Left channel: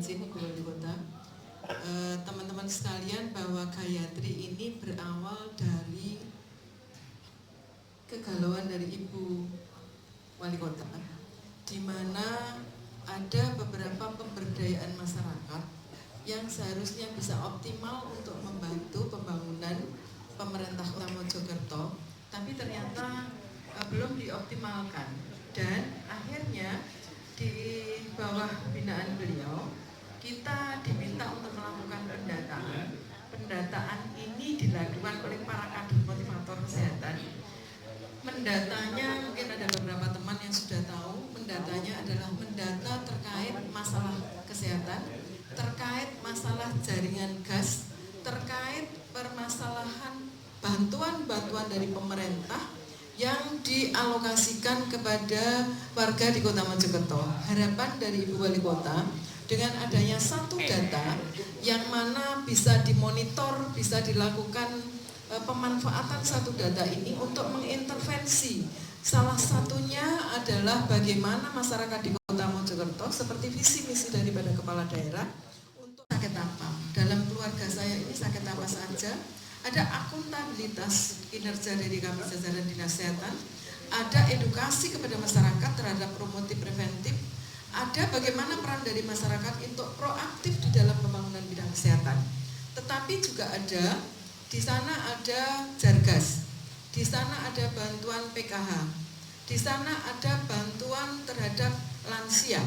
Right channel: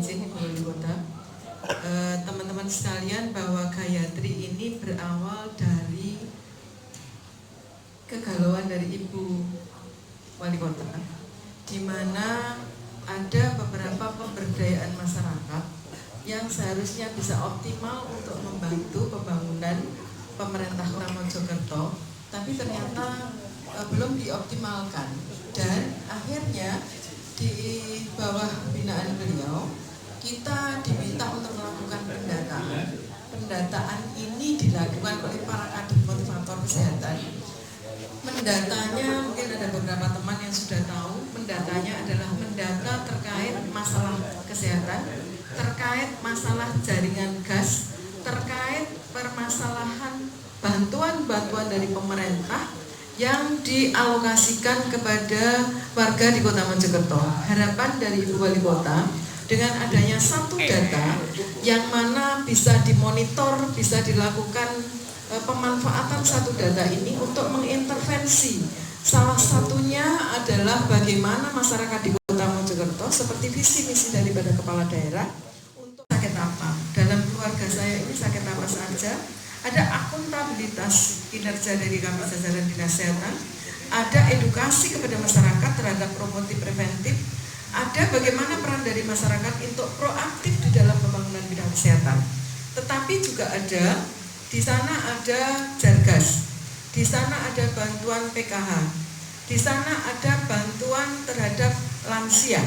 izin Ibu Wali Kota, teman-teman sekalian, bahwa Gayatri ini berawal dari kegalauan dari Ibu Wali Kota, di mana ada beberapa pemberdayaan masyarakat yang seharusnya bisa optimal untuk membantu pembangunan pemerintah Kota Mojokerto, tapi ternyata belum dioptimalkan. Dan akhirnya di bawah binaan beliau kita diminta untuk melakukan pendataan. Pendataan ini dilakukan oleh para kader motivator kesehatan. Mendatanya mungkin ada beberapa teman yang sudah tahu, mendatanya adalah mendata terkait masalah kesehatan, terkait masalah jaringan gas, terkait permasalahan bantuan-bantuan dari pemerintah yang dialokasikan kepada warga di Kota Mojokerto. Harapan dari Ibu Wali Kota dengan adanya satu data yang mana bisa dimonitor, bisa dilakukan pemanfaatan satu data ini untuk mengintervensi. Salah satunya adalah bagaimana masyarakat di Kota Mojokerto, seperti visi misi daripada kepala daerah, untuk sakit apa. Dalam keluarga saya ini sakit apa saja. Ada akuntabilitas kinerja dari kami jajaran dinas kesehatan, ada edukasi kepada masyarakat terhadap promotif preventif, ada bagaimana peran dari masyarakat untuk proaktif di dalam pembangunan bidang kesehatan. Tetapi juga ada, di sana ada Jargas, di sana ada bantuan PKH, di sana ada bantuan terhadap lansia,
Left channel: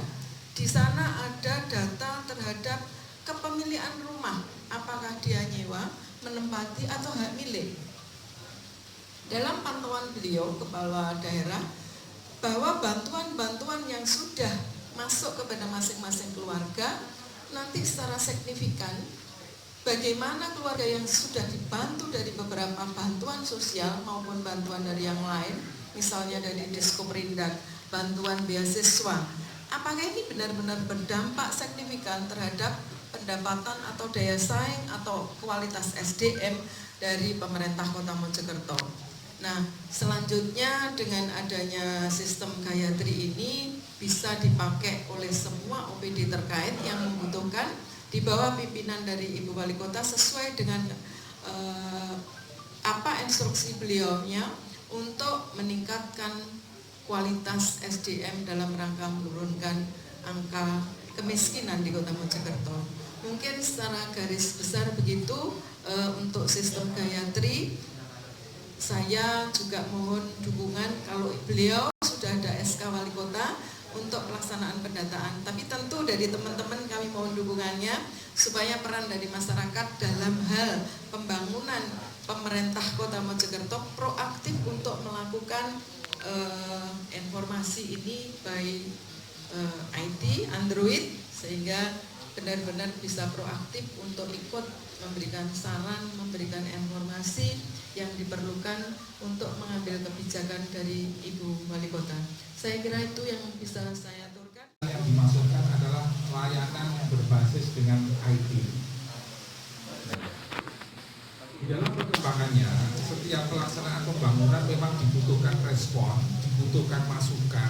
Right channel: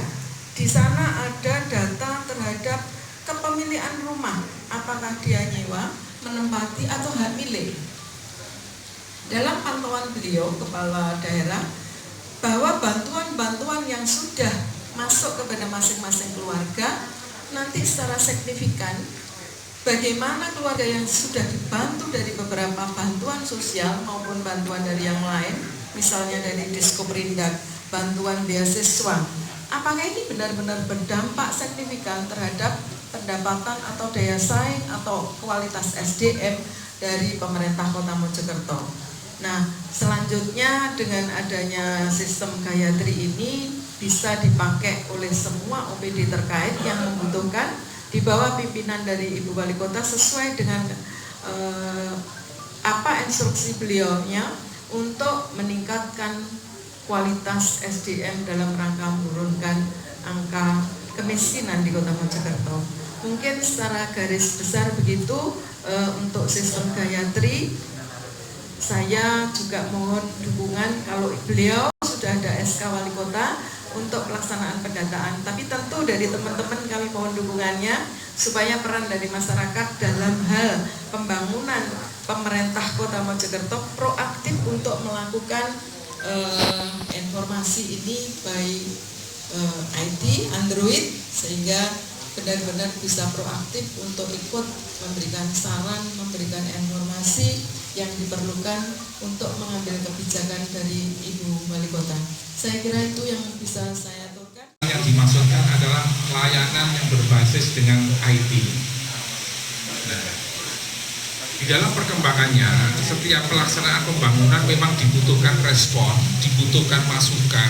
di sana ada data terhadap kepemilikan rumah, apakah dia nyewa, menempati atau hak milik. Dalam pantauan beliau kepala daerah, bahwa bantuan-bantuan yang sudah masuk kepada masing-masing keluarga nanti secara signifikan, bagaimana keluarga yang sudah dibantu dari beberapa bantuan sosial maupun bantuan dari yang lain, misalnya dari Diskoperindak, bantuan beasiswa, apakah ini benar-benar berdampak signifikan terhadap pendapatan atau daya saing atau kualitas SDM dari pemerintah Kota Mojokerto. Nah, selanjutnya dengan adanya sistem Gayatri ini bisa dipakai oleh semua OPD terkait yang membutuhkan di bawah pimpinan dari Ibu Wali Kota sesuai dengan apa instruksi beliaunya untuk meningkatkan kualitas SDM dalam rangka menurunkan angka kemiskinan di Kota Mojokerto. Mungkin secara garis besar begitu untuk sistem Gayatri. Saya juga mohon dukungan kalau beliau sudah ada SK Wali Kota untuk pelaksanaan pendataan. Tapi tentu dari teman-teman kami mohon dukungannya supaya peran dari masyarakat dalam hal pembangunan pemerintah Kota Mojokerto proaktif untuk melakukan informasi ini baik IT, Android, sehingga benar-benar bisa proaktif untuk ikut memberikan saran, memberikan informasi yang diperlukan untuk mengambil kebijakan dari Ibu Wali Kota. Saya kira itu yang bisa saya aturkan. Yang dimaksudkan adalah layanan yang berbasis dengan IT. Nah, di dalam perkembangannya, setiap pelaksanaan pembangunan memang dibutuhkan respon, dibutuhkan masukan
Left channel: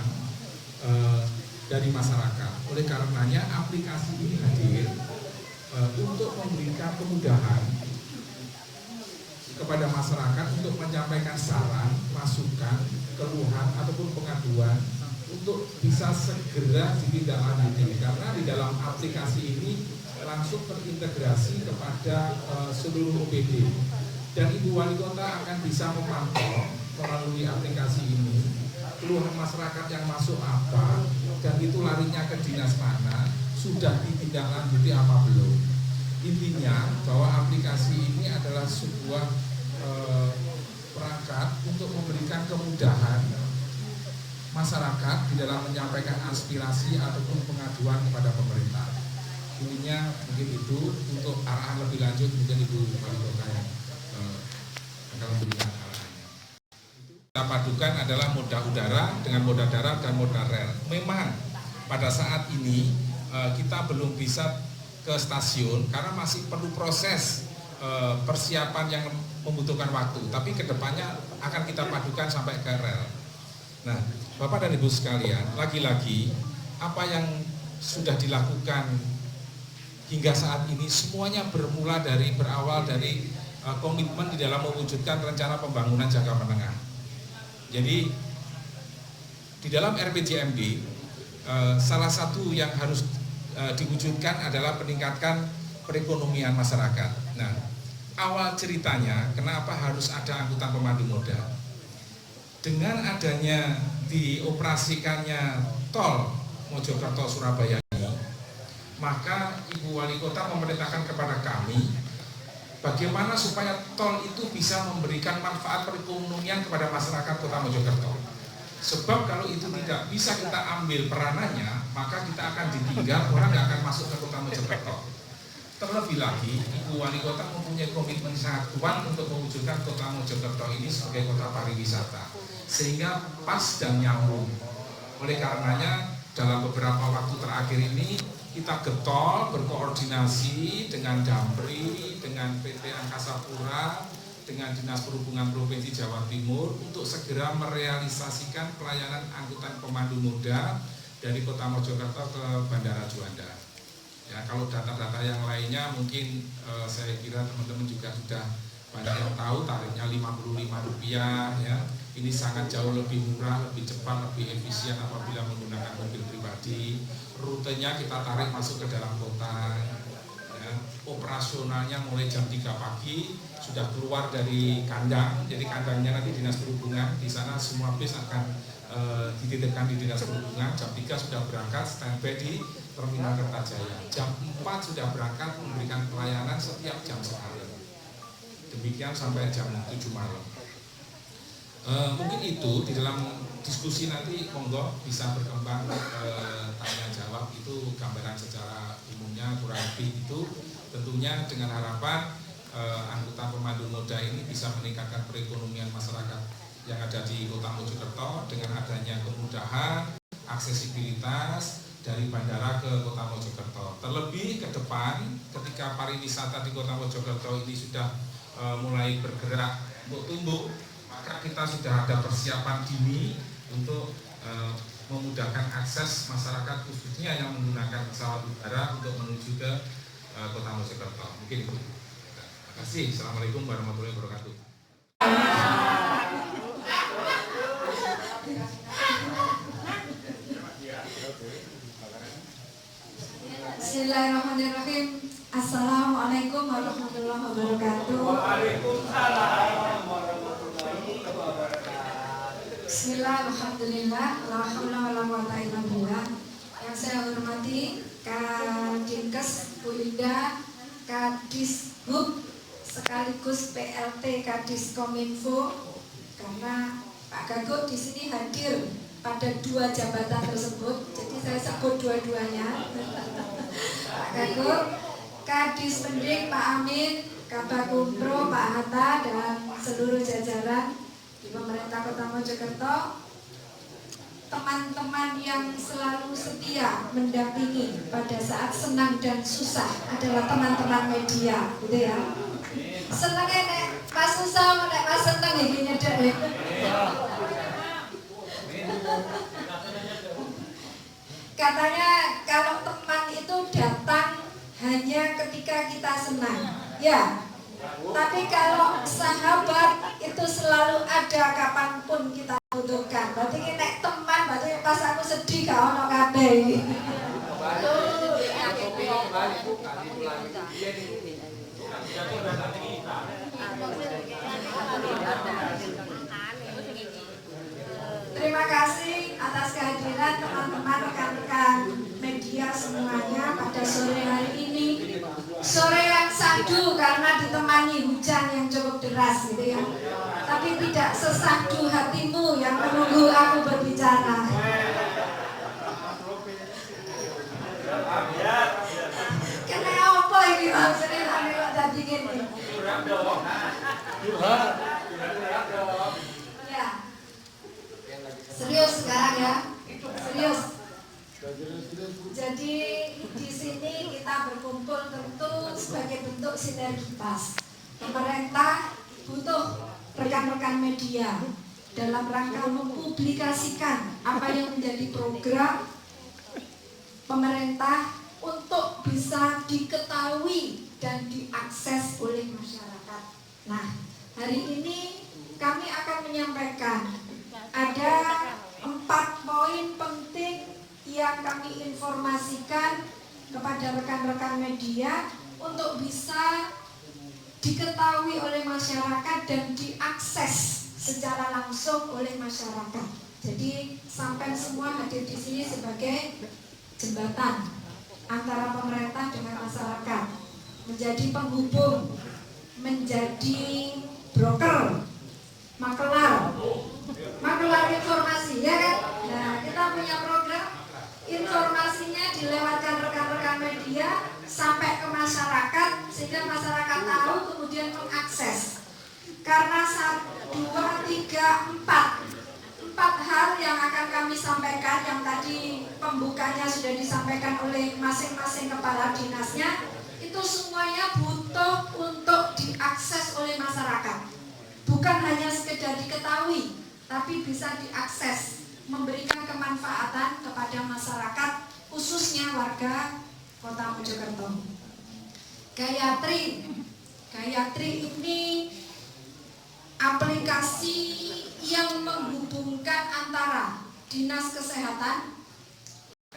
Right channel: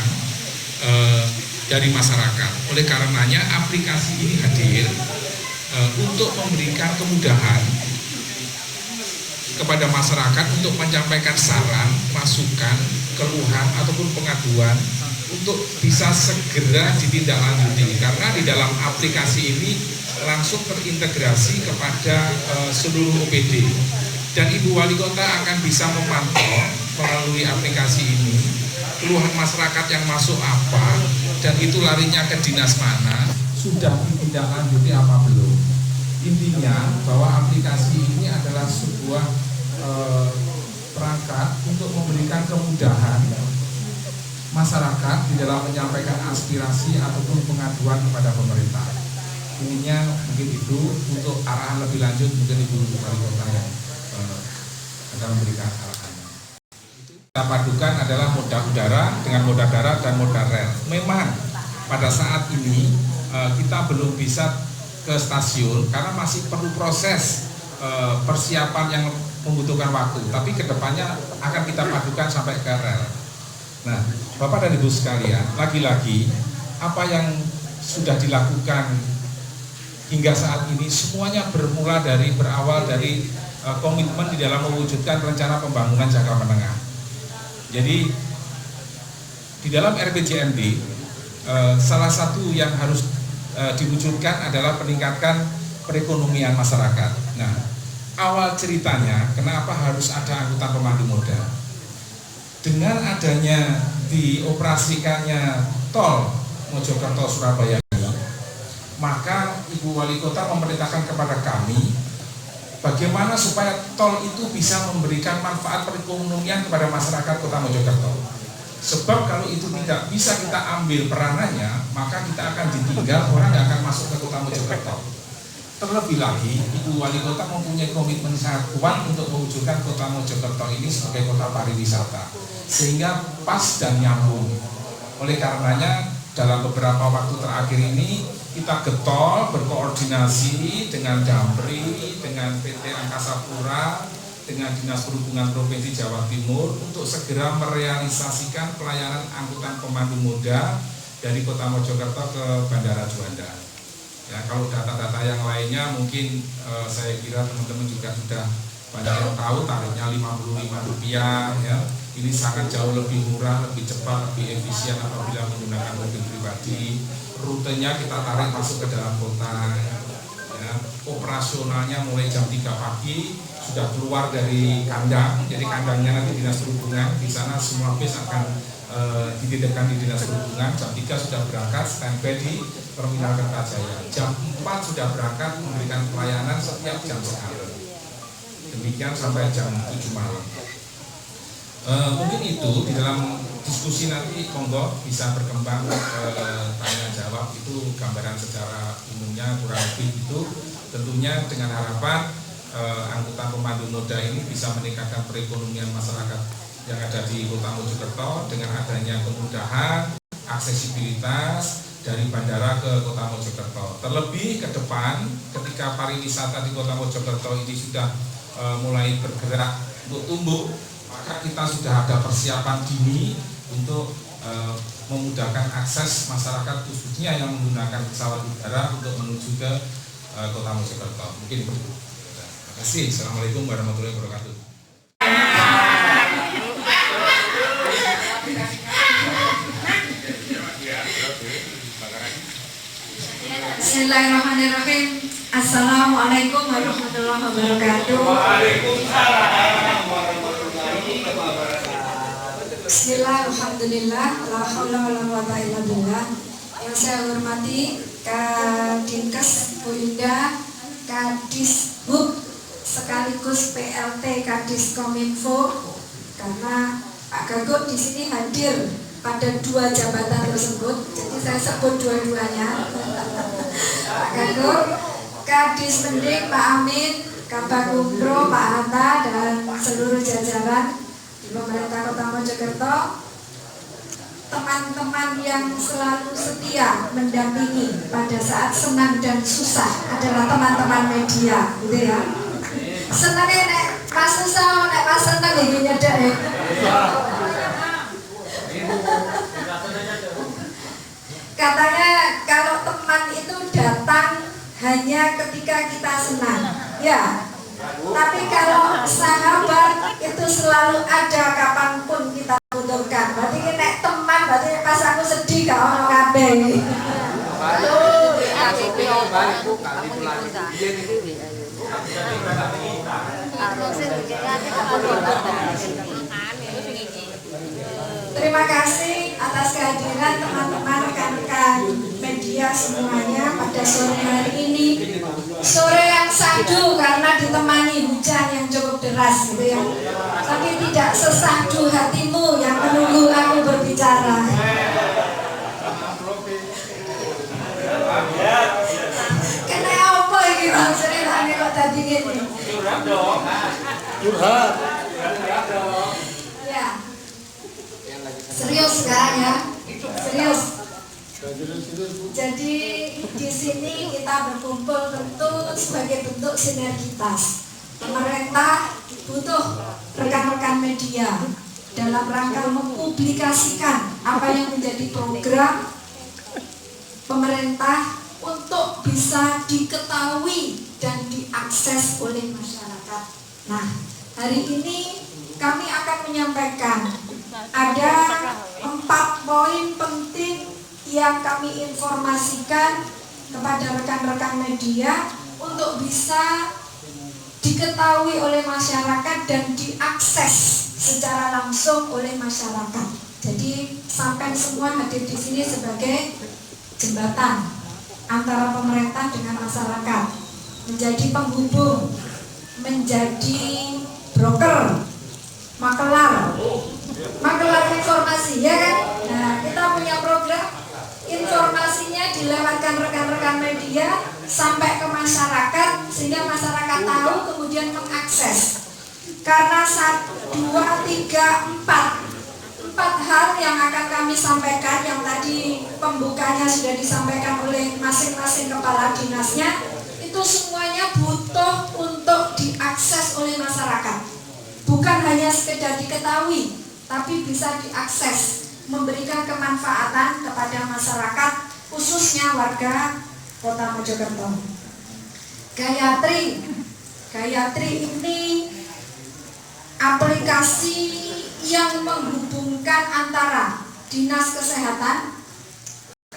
dari masyarakat. Oleh karenanya aplikasi ini hadir untuk memberikan kemudahan kepada masyarakat untuk menyampaikan saran, masukan, keluhan ataupun pengaduan untuk bisa segera ditindaklanjuti, karena di dalam aplikasi ini langsung terintegrasi kepada seluruh OPD dan Ibu Wali Kota akan bisa memantau melalui aplikasi ini keluhan masyarakat yang masuk apa dan itu larinya ke dinas mana, sudah ditindaklanjuti apa belum. Intinya bahwa aplikasi ini adalah sebuah perangkat untuk memberikan kemudahan masyarakat di dalam menyampaikan aspirasi ataupun pengaduan kepada pemerintah. Ininya mungkin itu, untuk arahan lebih lanjut mungkin Ibu Wali Kota yang akan memberikan arahan. Kita padukan adalah moda udara dengan moda darat dan moda rel. Memang pada saat ini kita belum bisa ke stasiun karena masih perlu proses persiapan yang membutuhkan waktu, tapi kedepannya akan kita padukan sampai ke rel. Nah, Bapak dan Ibu sekalian, lagi-lagi apa yang sudah dilakukan hingga saat ini semuanya berawal dari komitmen di dalam mewujudkan rencana pembangunan jangka menengah. Jadi di dalam RPJMD salah satu yang harus diwujudkan adalah peningkatan perekonomian masyarakat. Nah, awal ceritanya kenapa harus ada angkutan pemandu moda? Dengan adanya dioperasikannya tol Mojokerto Surabaya, maka Ibu Wali Kota memerintahkan kepada kami bagaimana supaya tol itu bisa memberikan manfaat perekonomian kepada masyarakat Kota Mojokerto. Sebab kalau itu tidak bisa kita ambil peranannya, maka kita akan ditinggal, orang yang akan masuk ke Kota Mojokerto. Terlebih lagi, Ibu Wali Kota mempunyai komitmen sangat kuat untuk mewujudkan Kota Mojokerto ini sebagai kota pariwisata, sehingga pas dan nyambung. Oleh karenanya, dalam beberapa waktu terakhir ini kita getol berkoordinasi dengan Damri, dengan PT Angkasa Pura, dengan Dinas Perhubungan Provinsi Jawa Timur untuk segera merealisasikan pelayanan angkutan pemandu moda dari Kota Mojokerto ke Bandara Juanda. Ya, kalau data-data yang lainnya mungkin saya kira teman-teman juga sudah banyak yang tahu, tarifnya Rp55 ya. Ini sangat jauh lebih murah, lebih cepat, lebih efisien apabila menggunakan mobil pribadi. Rutenya kita tarik masuk ke dalam kota. Ya. Operasionalnya mulai jam 3 pagi sudah keluar dari kandang. Jadi kandangnya nanti Dinas Perhubungan, di sana semua bis akan dititipkan di Dinas Perhubungan. Jam 3 sudah berangkat, standby di Terminal Kertajaya. Jam 4 sudah berangkat memberikan pelayanan setiap jam sekali. Demikian sampai jam 7 malam. Mungkin itu di dalam diskusi nanti monggo bisa berkembang tanya jawab, itu gambaran secara umumnya kurang lebih itu, tentunya dengan harapan angkutan pemandu moda ini bisa meningkatkan perekonomian masyarakat yang ada di Kota Mojokerto dengan adanya kemudahan aksesibilitas dari bandara ke Kota Mojokerto. Terlebih ke depan ketika pariwisata di Kota Mojokerto ini sudah mulai bergerak untuk tumbuh, maka kita sudah ada persiapan dini untuk memudahkan akses masyarakat khususnya yang menggunakan pesawat udara untuk menuju ke Kota Mojokerto. Mungkin itu. Terima kasih. Assalamualaikum warahmatullahi wabarakatuh. Bismillahirrahmanirrahim. Assalamualaikum warahmatullahi wabarakatuh. Bismillahirrahmanirrahim. La haula wala quwata illa billah. Yang saya hormati Kadinkes Bu Indah, Kadishub sekaligus PLT Kadiskominfo, karena Pak Gagot di sini hadir pada dua jabatan tersebut, jadi saya sebut dua-duanya. Pak Gagot, Kadis Mendik, Pak Amin, Kabak Umpro, Pak Hatta, dan seluruh jajaran di pemerintah Kota Mojokerto, teman-teman yang selalu setia mendampingi pada saat senang dan susah adalah teman-teman media, gitu ya. Senangnya nek pas susah, nek pas senang gini nyedek ya. Katanya kalau teman itu datang hanya ketika kita senang, ya. Tapi kalau sahabat itu selalu ada kapanpun kita butuhkan. Berarti nek teman, berarti pas aku sedih gak ono kabeh. Terima kasih atas kehadiran teman-teman rekan-rekan media semuanya pada sore hari ini. Sore yang sadu karena ditemani hujan yang cukup deras gitu ya. Tapi tidak sesadu hatimu yang menunggu aku berbicara. Kena apa ini maksudnya kami kok tadi gini. Ya. Serius sekarang ya. Serius. Jadi di sini kita berkumpul tentu sebagai bentuk sinergitas. Pemerintah butuh rekan-rekan media dalam rangka mempublikasikan apa yang menjadi program pemerintah untuk bisa diketahui dan diakses oleh masyarakat. Nah, hari ini kami akan menyampaikan ada 4 poin penting yang kami informasikan kepada rekan-rekan media untuk bisa diketahui oleh masyarakat dan diakses secara langsung oleh masyarakat. Jadi sampai semua hadir di sini sebagai jembatan antara pemerintah dengan masyarakat, menjadi penghubung, menjadi broker, makelar informasi, ya kan? Nah, kita punya program informasinya dilewatkan rekan-rekan media sampai ke masyarakat sehingga masyarakat tahu kemudian mengakses. Karena 1, 2, 3, 4 hal yang akan kami sampaikan, yang tadi pembukanya sudah disampaikan oleh masing-masing kepala dinasnya, itu semuanya butuh untuk diakses oleh masyarakat. Bukan hanya sekedar diketahui, tapi bisa diakses, memberikan kemanfaatan kepada masyarakat, khususnya warga Kota Mojokerto. Gayatri ini aplikasi yang menghubungkan antara Dinas Kesehatan,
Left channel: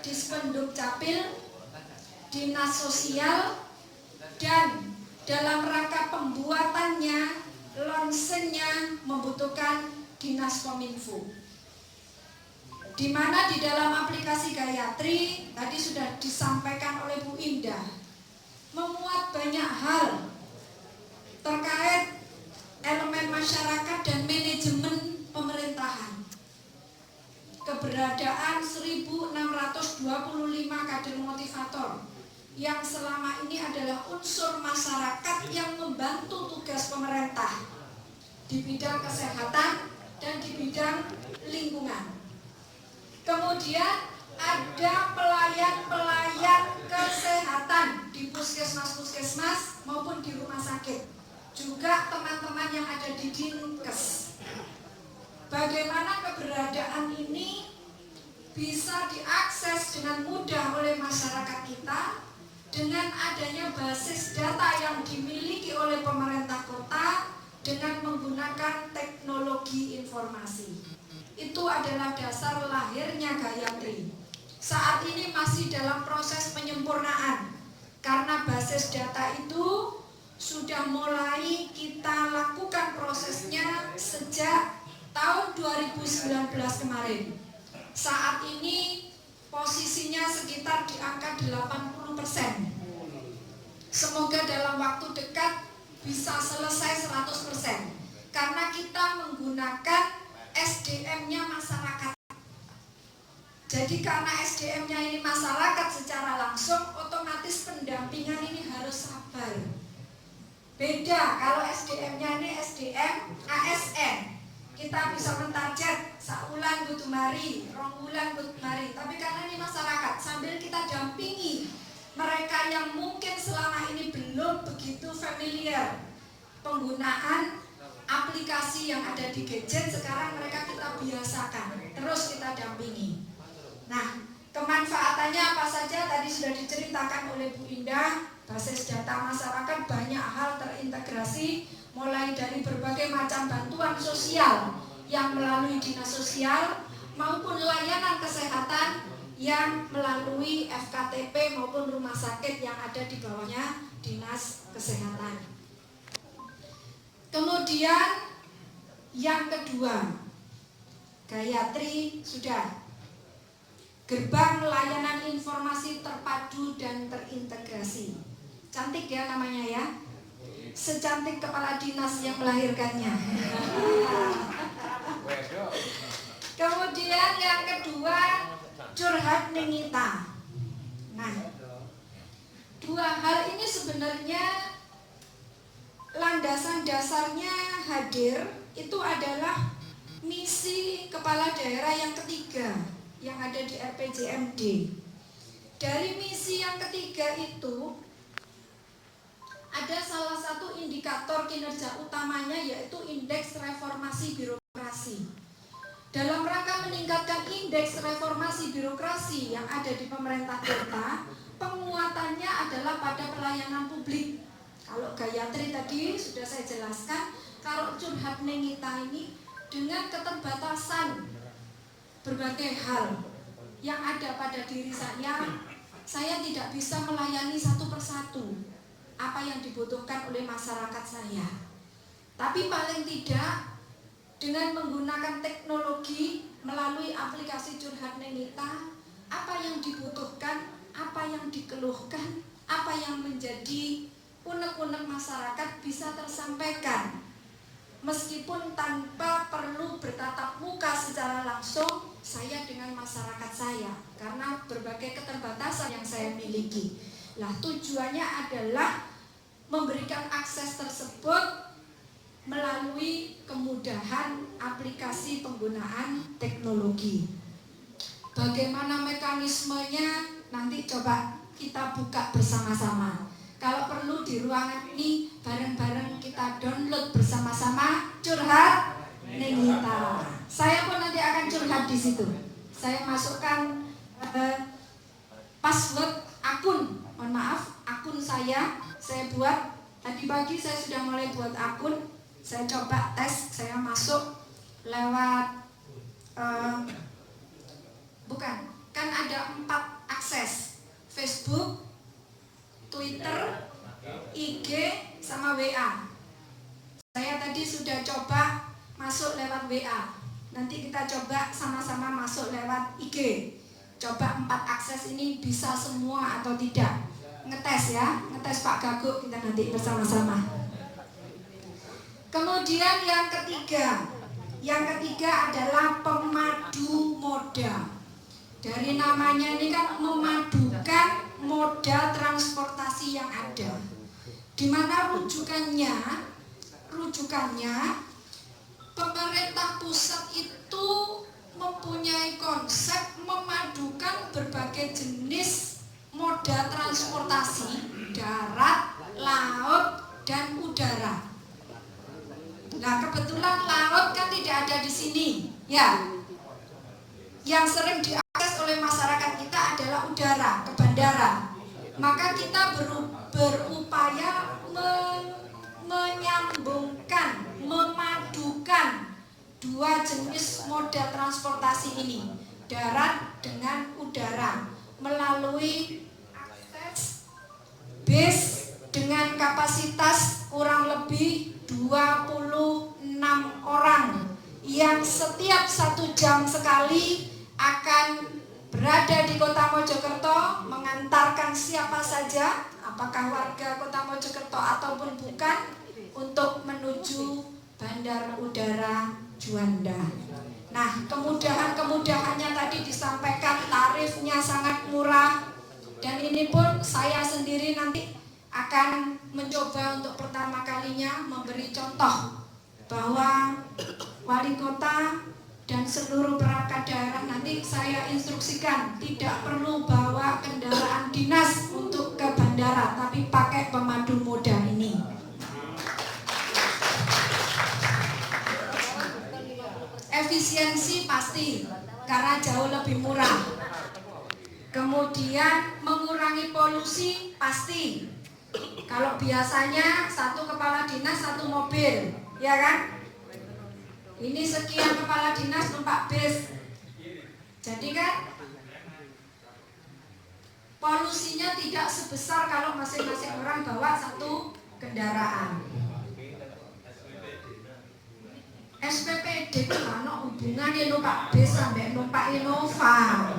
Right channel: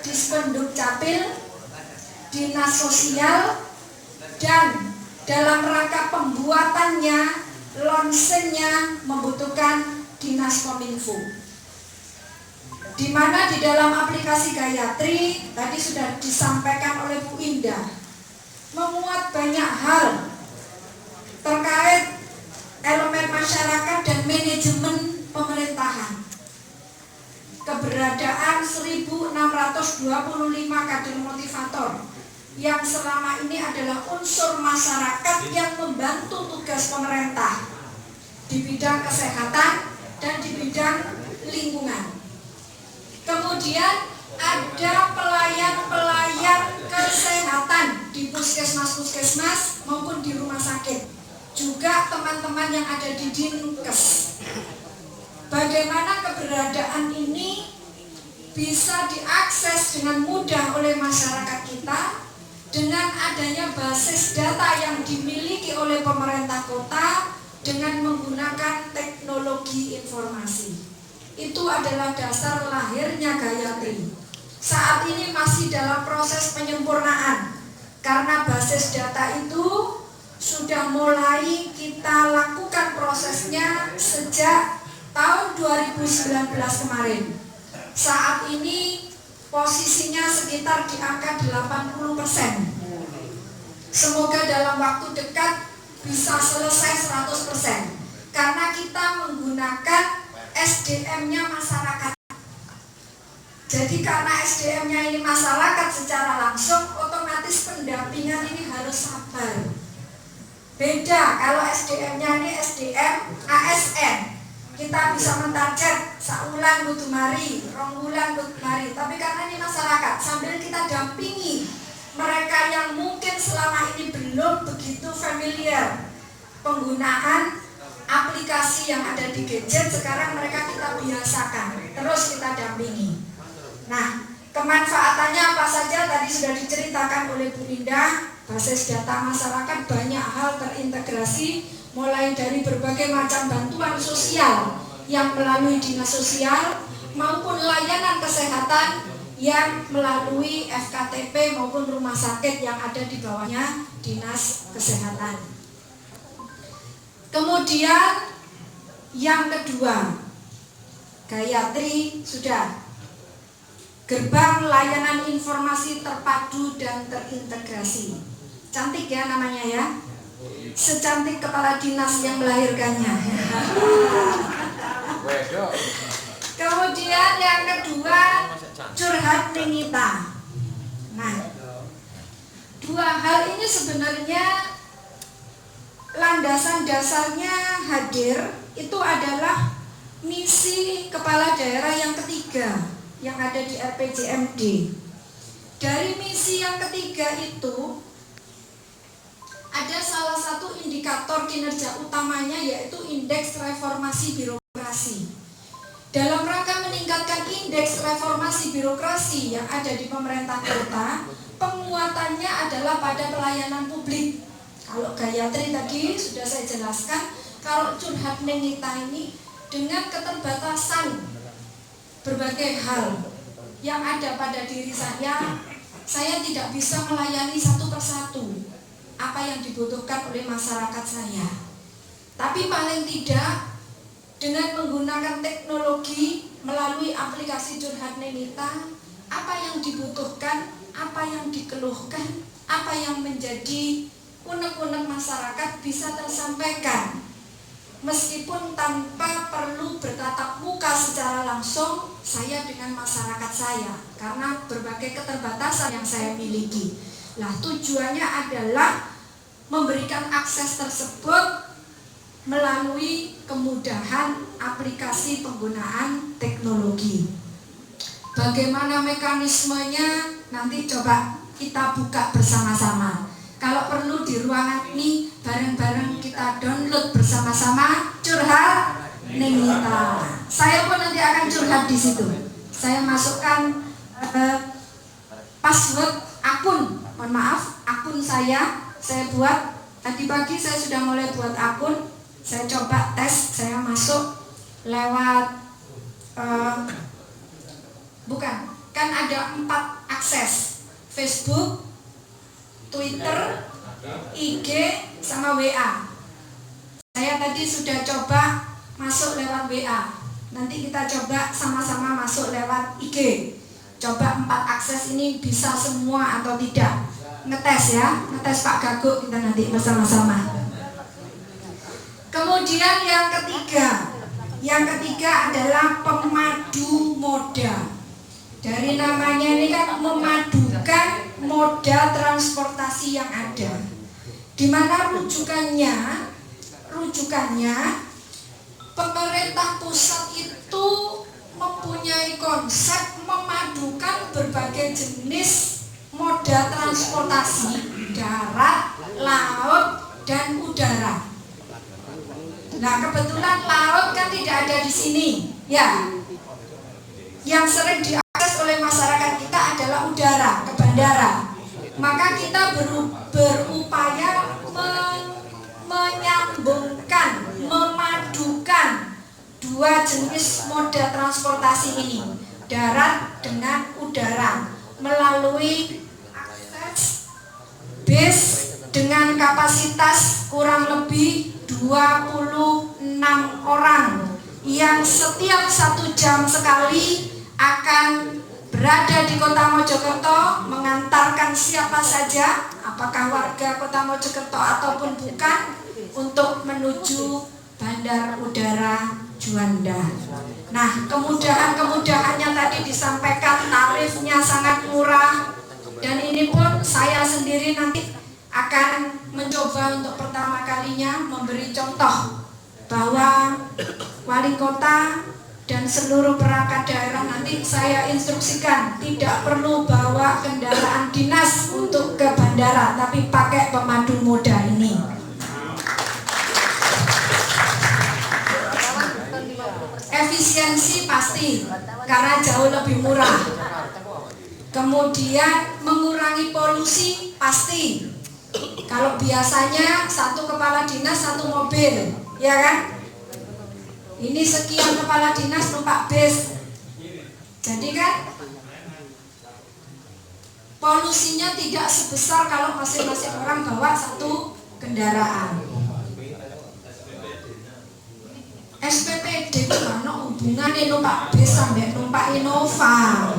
Dispenduk Capil, Dinas Sosial, dan dalam rangka pembuatannya, launchingnya membutuhkan Dinas Kominfo. Di mana di dalam aplikasi Gayatri tadi sudah disampaikan oleh Bu Indah, memuat banyak hal terkait elemen masyarakat dan manajemen pemerintahan. Keberadaan 1.625 kader motivator yang selama ini adalah unsur masyarakat yang membantu tugas pemerintah di bidang kesehatan dan di bidang lingkungan. Kemudian ada pelayan kesehatan di puskesmas maupun di rumah sakit, juga teman-teman yang ada di Dinkes. Bagaimana keberadaan ini bisa diakses dengan mudah oleh masyarakat kita dengan adanya basis data yang dimiliki oleh pemerintah kota dengan menggunakan teknologi informasi. Itu adalah dasar lahirnya Gayatri. Saat ini masih dalam proses penyempurnaan, karena basis data itu sudah mulai kita lakukan prosesnya sejak tahun 2019 kemarin. Saat ini posisinya sekitar di angka 80%. Semoga dalam waktu dekat bisa selesai 100%, karena kita menggunakan SDM-nya masyarakat. Jadi karena SDM-nya ini masyarakat secara langsung, otomatis pendampingan ini harus sabar. Beda kalau SDM-nya ini SDM ASN, kita bisa mentarget saulan kudu mari, rongbulan kudu mari. Tapi karena ini masyarakat, sambil kita dampingi mereka yang mungkin selama ini belum begitu familiar penggunaan aplikasi yang ada di gadget, sekarang mereka kita biasakan, terus kita dampingi. Nah, kemanfaatannya apa saja tadi sudah diceritakan oleh Bu Indah. Basis data masyarakat banyak hal terintegrasi, mulai dari berbagai macam bantuan sosial yang melalui dinas sosial maupun layanan kesehatan yang melalui FKTP maupun rumah sakit yang ada di bawahnya dinas kesehatan. Kemudian yang kedua, Gayatri sudah gerbang layanan informasi terpadu dan terintegrasi. Cantik ya namanya ya, secantik kepala dinas yang melahirkannya. Kemudian yang kedua, curhat Ningita. Nah, dua hal ini sebenarnya landasan dasarnya hadir itu adalah misi kepala daerah yang ketiga yang ada di RPJMD. Dari misi yang ketiga itu ada salah satu indikator kinerja utamanya, yaitu indeks reformasi birokrasi. Dalam rangka meningkatkan indeks reformasi birokrasi yang ada di pemerintah kota, penguatannya adalah pada pelayanan publik. Kalau Gayatri tadi sudah saya jelaskan, kalau curhat Nenita ini dengan keterbatasan berbagai hal yang ada pada diri saya tidak bisa melayani satu persatu apa yang dibutuhkan oleh masyarakat saya. Tapi paling tidak dengan menggunakan teknologi melalui aplikasi curhat Nenita, apa yang dibutuhkan, apa yang dikeluhkan, apa yang menjadi unek-unek masyarakat bisa tersampaikan. Meskipun tanpa perlu bertatap muka secara langsung saya dengan masyarakat saya, karena berbagai keterbatasan yang saya miliki. Nah, tujuannya adalah memberikan akses tersebut melalui kemudahan aplikasi penggunaan teknologi. Bagaimana mekanismenya nanti coba kita buka bersama-sama. Kalau perlu di ruangan ini bareng-bareng kita download bersama-sama curhat Nenita. Saya pun nanti akan curhat di situ. Saya masukkan password akun, akun saya buat tadi pagi. Saya sudah mulai buat akun. Saya coba tes, saya masuk lewat kan ada 4 akses: Facebook, Twitter, IG, sama WA. Saya tadi sudah coba masuk lewat WA. Nanti kita coba sama-sama masuk lewat IG. Coba 4 akses ini bisa semua atau tidak. Ngetes ya, ngetes Pak Gaguk kita nanti bersama-sama. Kemudian yang ketiga adalah pemadu moda. Dari namanya ini kan memadukan moda transportasi yang ada, di mana rujukannya pemerintah pusat itu mempunyai konsep memadukan berbagai jenis moda transportasi darat, laut, dan udara. Nah, kebetulan laut kan tidak ada di sini, ya. Yang sering diakses oleh masyarakat kita adalah udara, ke bandara. Maka kita berupaya menyambungkan, memadukan 2 jenis moda transportasi ini, darat dengan udara, melalui akses bis dengan kapasitas kurang lebih 26 orang yang setiap 1 jam sekali akan berada di Kota Mojokerto, mengantarkan siapa saja, apakah warga Kota Mojokerto ataupun bukan, untuk menuju Bandar Udara Juanda. Nah, kemudahannya tadi disampaikan, tarifnya sangat murah, dan ini pun saya sendiri nanti akan mencoba untuk pertama kalinya memberi contoh bahwa wali kota dan seluruh perangkat daerah nanti saya instruksikan tidak perlu bawa kendaraan dinas untuk ke bandara, tapi pakai pemadu moda ini. Efisiensi pasti karena jauh lebih murah. Kemudian mengurangi polusi pasti. Kalau biasanya 1 kepala dinas 1 mobil, ya kan? Ini sekian kepala dinas numpak bis. Jadi kan polusinya tidak sebesar kalau masing-masing orang bawa 1 kendaraan. SPPD itu mana hubungannya numpak bis sampai numpak Innova.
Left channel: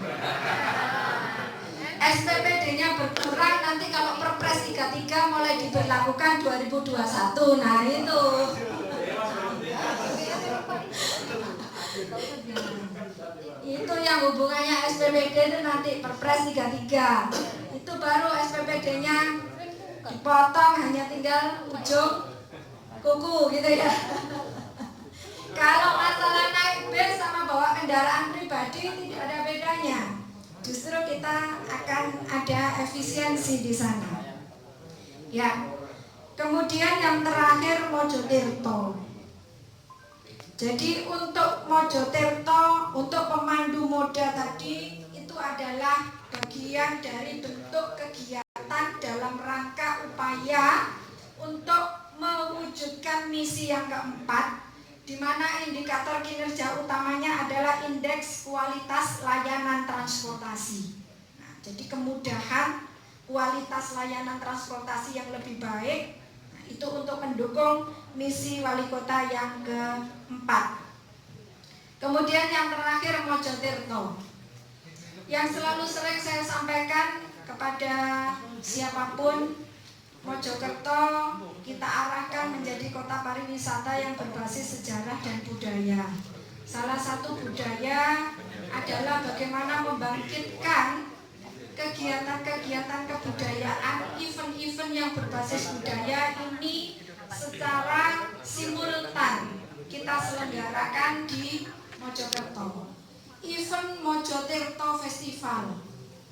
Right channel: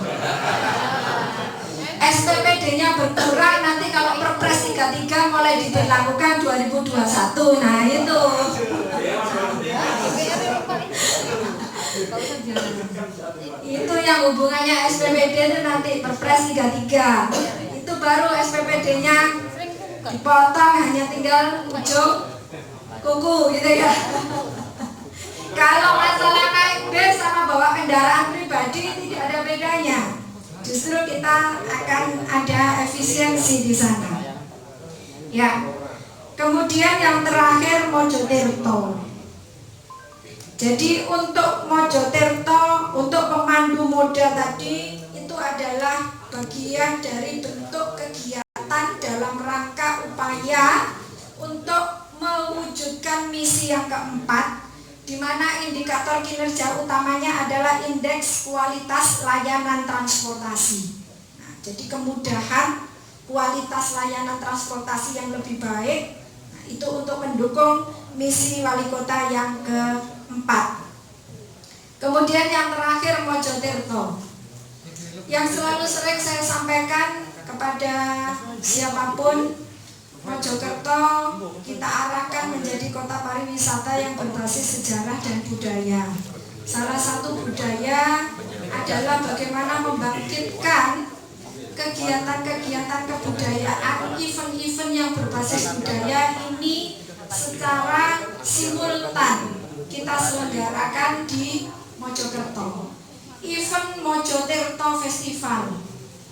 SPPD-nya berkurang nanti kalau Perpres 33 mulai diberlakukan 2021. Nah itu. Itu yang hubungannya SPPD itu nanti Perpres 33. Itu baru SPPD-nya dipotong hanya tinggal ujung kuku gitu ya. Kalau masalah naik bis sama bawa kendaraan pribadi tidak ada bedanya. Justru kita akan ada efisiensi di sana. Ya. Kemudian yang terakhir Mojokerto. Jadi untuk Mojokerto, untuk pemandu moda tadi itu adalah bagian dari bentuk kegiatan dalam rangka upaya untuk mewujudkan misi yang keempat, di mana indikator kinerja utamanya adalah indeks kualitas layanan transportasi. Nah, jadi kemudahan kualitas layanan transportasi yang lebih baik, nah, itu untuk mendukung misi wali kota yang keempat. Kemudian yang terakhir Mojokerto, yang selalu sering saya sampaikan kepada siapapun, Mojokerto kita arahkan menjadi kota pariwisata yang berbasis sejarah dan budaya. Salah satu budaya adalah bagaimana membangkitkan kegiatan-kegiatan kebudayaan, event-event yang berbasis budaya ini secara simultan kita selenggarakan di Mojokerto. Event Mojokerto Festival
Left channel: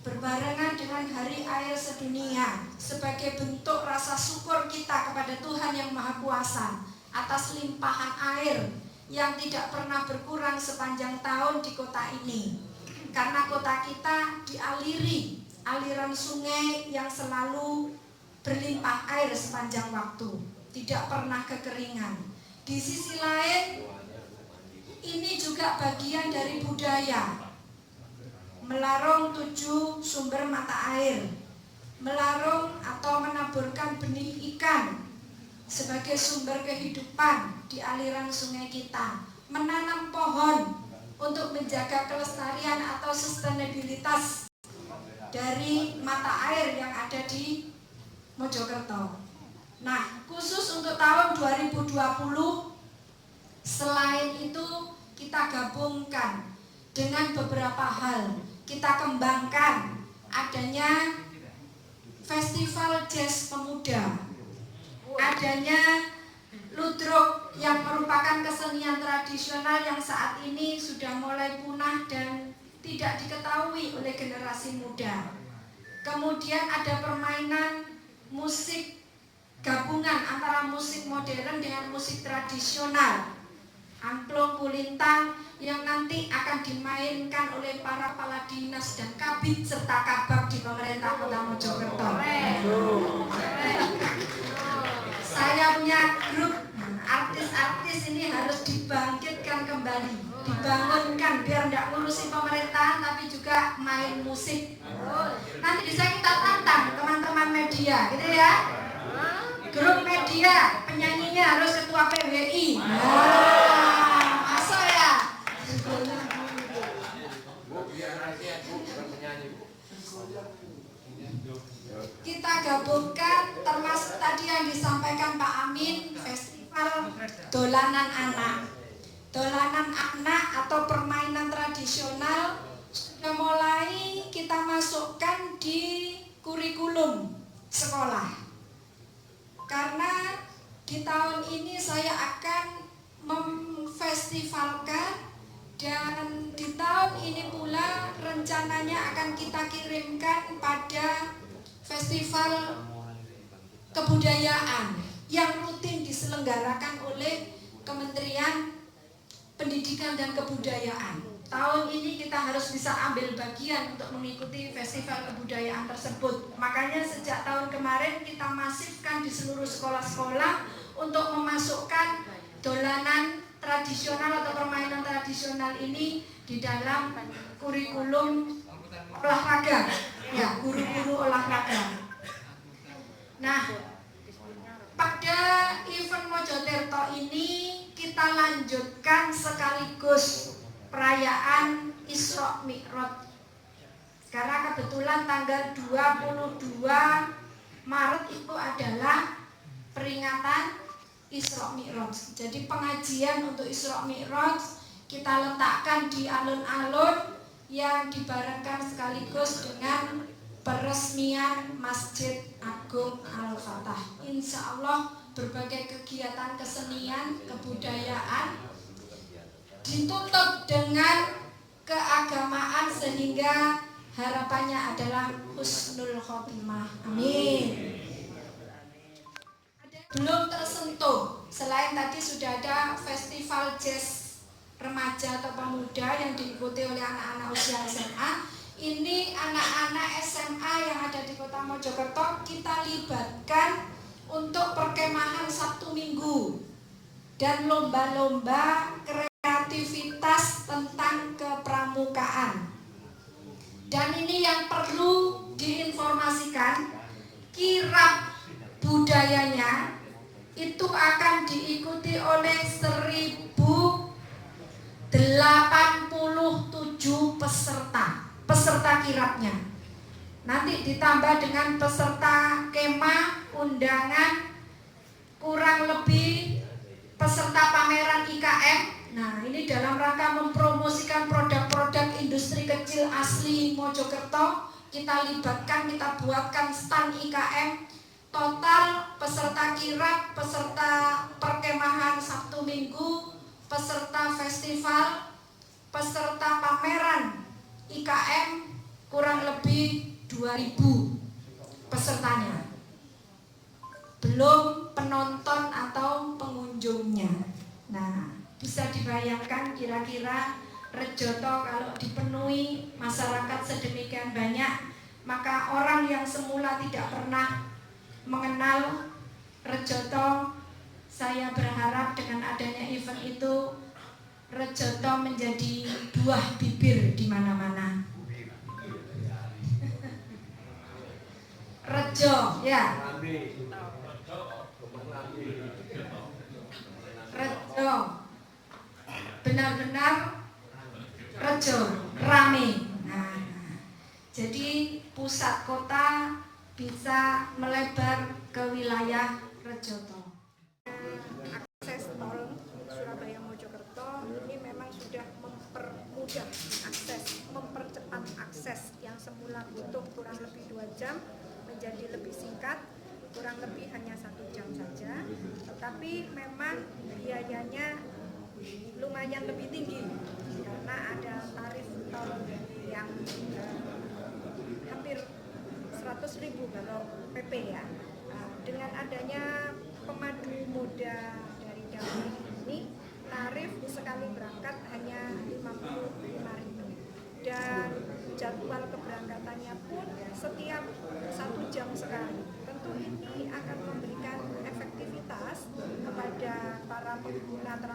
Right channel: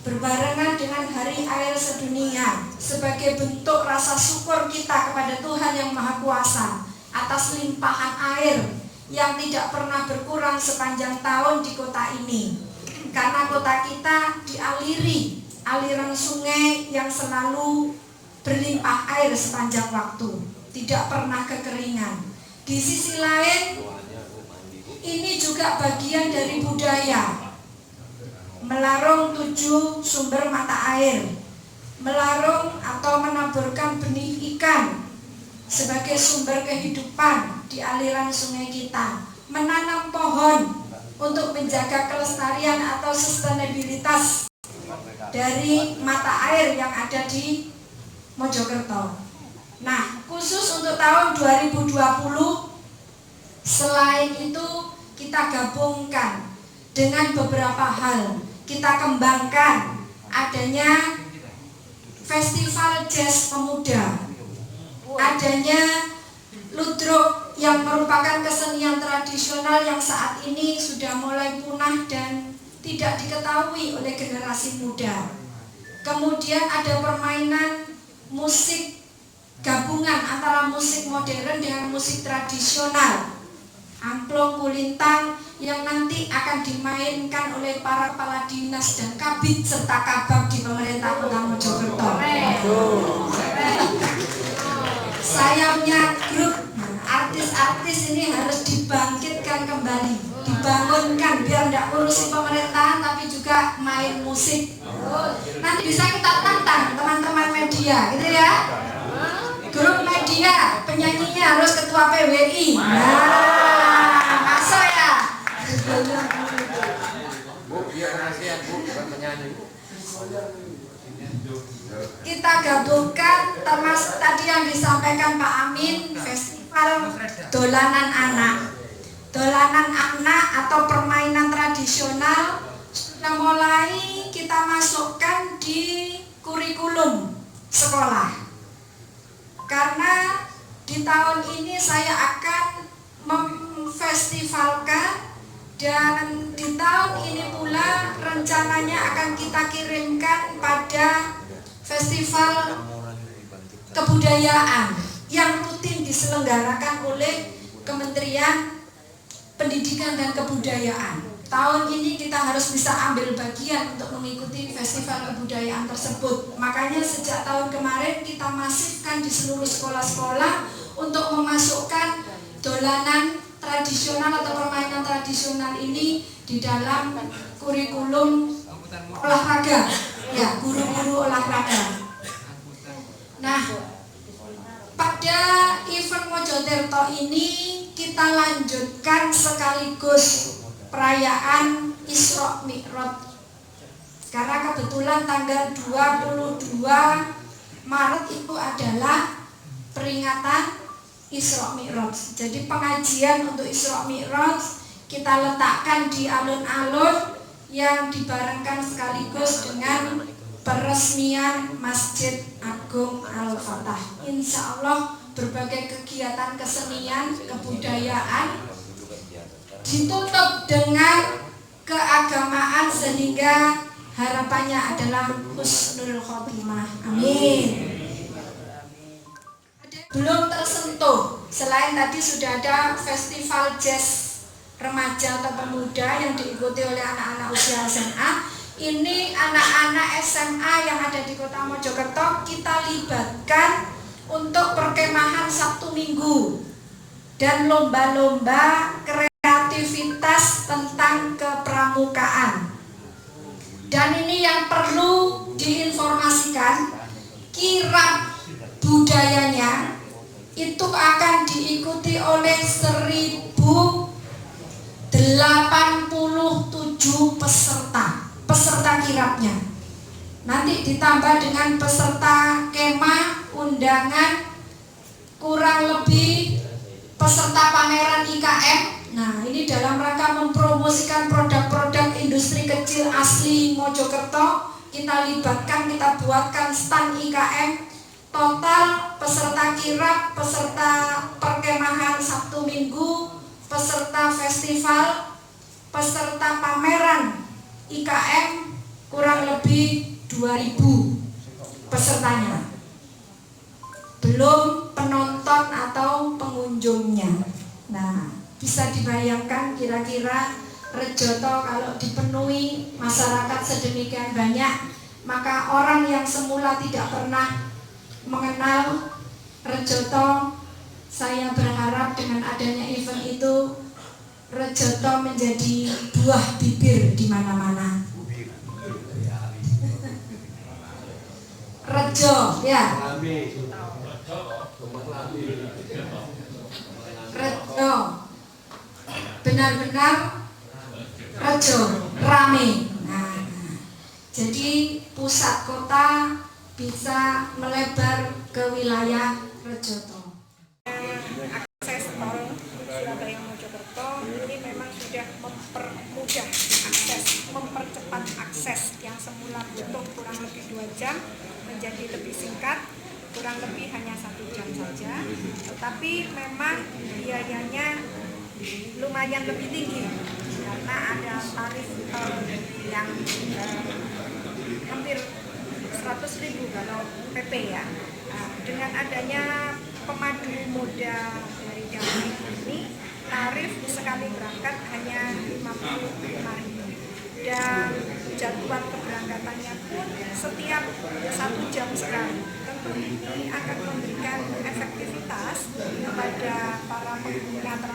berbarengan dengan Hari Air Sedunia sebagai bentuk rasa syukur kita kepada Tuhan Yang Maha Kuasa atas limpahan air yang tidak pernah berkurang sepanjang tahun di kota ini. Karena kota kita dialiri aliran sungai yang selalu berlimpah air sepanjang waktu, tidak pernah kekeringan. Di sisi lain, ini juga bagian dari budaya. Melarung 7 sumber mata air, melarung atau menaburkan benih ikan sebagai sumber kehidupan di aliran sungai kita, menanam pohon untuk menjaga kelestarian atau sustainabilitas dari mata air yang ada di Mojokerto. Nah, khusus untuk tahun 2020, selain itu kita gabungkan dengan beberapa hal. Kita kembangkan adanya festival jazz pemuda, adanya ludruk yang merupakan kesenian tradisional yang saat ini sudah mulai punah dan tidak diketahui oleh generasi muda. Kemudian ada permainan musik gabungan antara musik modern dengan musik tradisional, angklung kulintang yang nanti akan dimainkan oleh para kepala dinas dan kabid serta kabag di pemerintah Kota Mojokerto. Saya punya grup artis-artis ini harus dibangkitkan kembali, dibangunkan biar tidak ngurusin pemerintahan tapi juga main musik. Nanti bisa kita tantang teman-teman media, gitu ya. Grup media penyanyinya harus ketua PWI. Masuk ya. Kita gabungkan termasuk tadi yang disampaikan Pak Amin, festival dolanan anak. Dolanan anak atau permainan tradisional sudah mulai kita masukkan di kurikulum sekolah. Karena di tahun ini saya akan memfestivalkan, dan di tahun ini pula rencananya akan kita kirimkan pada festival kebudayaan yang rutin diselenggarakan oleh Kementerian Pendidikan dan Kebudayaan. Tahun ini kita harus bisa ambil bagian untuk mengikuti festival kebudayaan tersebut. Makanya sejak tahun kemarin kita masifkan di seluruh sekolah-sekolah untuk memasukkan dolanan tradisional atau permainan tradisional ini di dalam kurikulum olahraga, ya, guru-guru olahraga. Nah, pada event Mojokerto ini kita lanjutkan sekaligus perayaan Isra Mi'raj. Karena kebetulan tanggal 22 Maret itu adalah peringatan Isra Mi'raj. Jadi pengajian untuk Isra Mi'raj kita letakkan di alun-alun yang dibarengkan sekaligus dengan peresmian Masjid Agung Al-Fatah. Insya Allah berbagai kegiatan kesenian, kebudayaan ditutup dengan keagamaan sehingga harapannya adalah husnul khotimah. Amin. Belum tersentuh Selain tadi sudah ada festival jazz remaja atau pemuda yang diikuti oleh anak-anak usia SMA. Ini anak-anak SMA yang ada di Kota Mojokerto kita libatkan untuk perkemahan Sabtu Minggu dan lomba-lomba kreativitas tentang kepramukaan. Dan ini yang perlu diinformasikan, kirab budayanya itu akan diikuti oleh 1087 peserta kirabnya. Nanti ditambah dengan peserta kemah, undangan, kurang lebih peserta pameran IKM. Nah, ini dalam rangka mempromosikan produk-produk industri kecil asli Mojokerto. Kita libatkan, kita buatkan stand IKM. Total peserta kirab, peserta perkemahan Sabtu Minggu, peserta festival, peserta pameran IKM kurang lebih 2000 pesertanya. Belum penonton atau pengunjungnya. Nah, bisa dibayangkan kira-kira Rejoto kalau dipenuhi masyarakat sedemikian banyak, maka orang yang semula tidak pernah mengenal Rejoto, saya berharap dengan adanya event itu Rejoto menjadi buah bibir di mana-mana. Rejo, ya. Rejo, benar-benar Rejo, rame. Nah, jadi pusat kota bisa melebar ke wilayah Rejoto. Akses tol Surabaya Mojokerto ini memang sudah mempermudah akses, mempercepat akses yang semula butuh kurang lebih 2 jam menjadi lebih singkat, kurang lebih hanya 1 jam saja. Tetapi memang biayanya lumayan lebih tinggi karena ada tarif tol yang hampir 100.000 kalau PP ya. Dengan adanya pemadu moda dari Damai ini, tarif sekali berangkat hanya 55.000 dan jadwal keberangkatannya pun setiap 1 jam sekali. Tentu ini akan memberikan efektivitas kepada para pengguna transportasi